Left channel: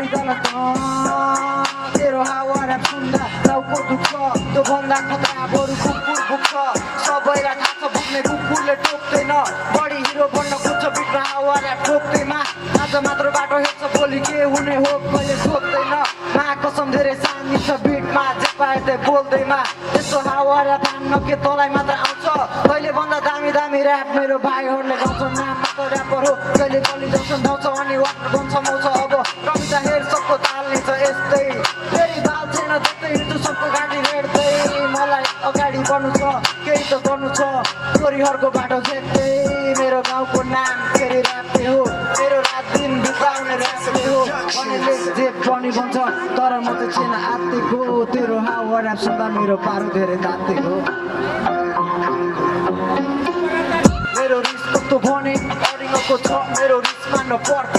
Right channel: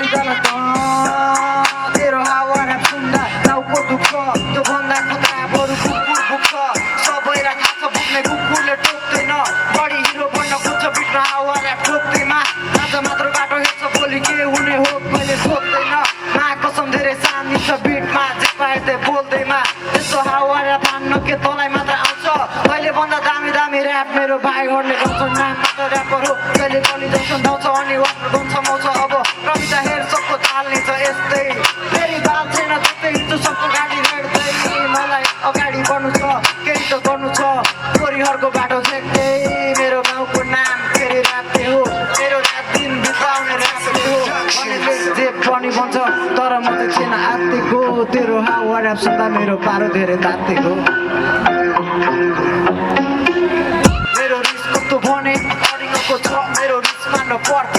सरिजाला तेरो हावा ऱ्याप सुन्दा टाउको दुख्छ त्यो भन्दा खतरा बरु कुकुर भुक्छ सबैलाई थाहा छ बुझ्ने कुकुरले टोक्दैन बढी हिरो बन्न खोज्छ बिटमा हावा ऱ्याप ठोक्दैमा आज मात्र बाटो हेर्छ भोलि के हुने हो कहिले सोध्दैन मा कसम धेरै सानी छ बिटमा जे पाए बोल्दैमा त्यस्तो हावा ऱ्याप हान्न के तँलाई मात्र आउँछ कहिले भन्दा दामी दामी ऱ्याप मेरो भाइहरूले गाउँछ नाम मात्र ऱ्यापर हो कहिले कलिँदै सुन्दाउँछ अनि वाक्न गन्छ माउँछ अब कविता हेर सबको ताल्ने छ यस्तै फेरि बाल छैन त्यस्तै हिँड्छु सबको गाडी भेट्दै मलाई अगाडि बढ्नु छ केही त गर्नु छ छोरीहरूको बाटो झेक्दै मेरो गाउँको नाम फेरि ऱ्यापले हो मेरो रात दिन बिताउने ऱ्यापले हो भन्नेले जे पनि भन्छ तर म त छैन आत्तिको तेरो हावा ऱ्याप सुन्दा मेरो पारो धेरै तात्तिको मेरो रिस कस्तो भने अडिङको छ मेरो रिस मान्न पर्छ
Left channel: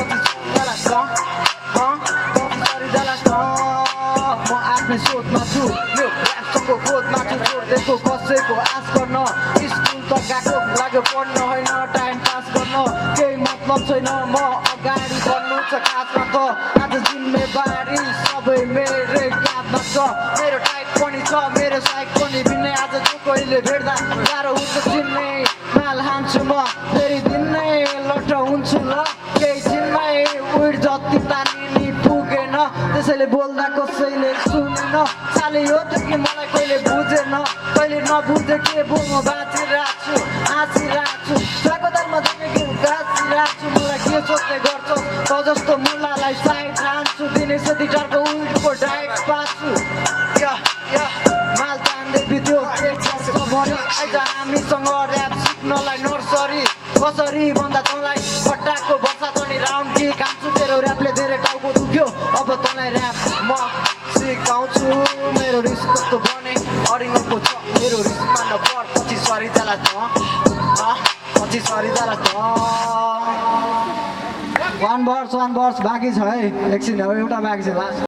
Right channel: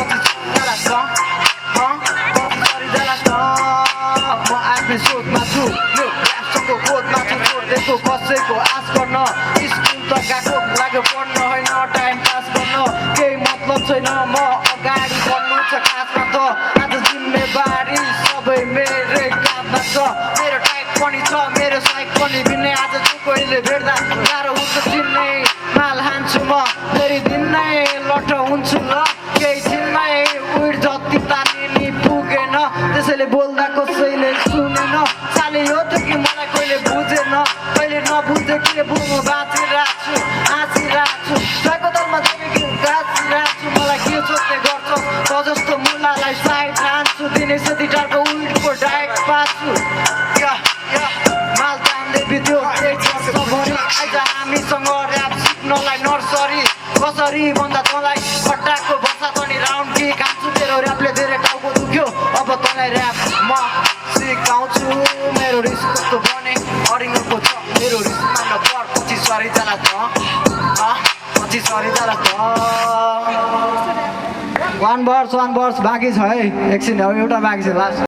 म आफ्नै सोचमा छु यो ऱ्यापसँगको खोजमा छु छोड्दैको कसैको आश गर्न स्कुल त गएको लाग्यो पढ्न होइन टाइम पास गर्न केही मतलब छैन म अगाडि बढ्नु छ खासमा त आज जिम्मेवारी सबै मेरै काँधमा छ मेरो टाइप पनि छ मेरो साइक पनि भिन्नै आज जो कहिले भेट्दा गाह्रो हुन्छ चिन्ने माल हान्छु म फेरि दिन नै लट हुन्छु ल केही दिनमै उड जति तानिनी पुगेन त्यसैले बोल्दा कसैले सुनेन साले यो त कि मलाई कहिले बुझेन कहिले नबुझे के बोल्नु बाँचिरहेको छु हाँसिरहेको छु जागोदलमा देखेको गाँचिरहेको छु मलाई के सोच्ने गर्छौ त जस्तो मुलालाई साइड हान्छु दिने सेती टारको उल्टको डाइट पाछु माल तान्दै बित्यो एक वर्ष भरि आइज हामीसँग ऱ्याप सिक्नलाई नर्सरी कसरी भन्दा तँलाई खट्टाको वर्षा पनि राउन्ड कि खान्छु तेरो ऱ्यापले धेरै टाउको दुख्यो अब तँलाई ऱ्याप म सिकाउँछु मेरो रिस कस्तो भने अडिङको छ मेरो रिस मान्न पर पछि सरिजाला पछि सरिजाला वान वर्स बाँकी छ है एकछिन एउटा बाँकी छ लास्ट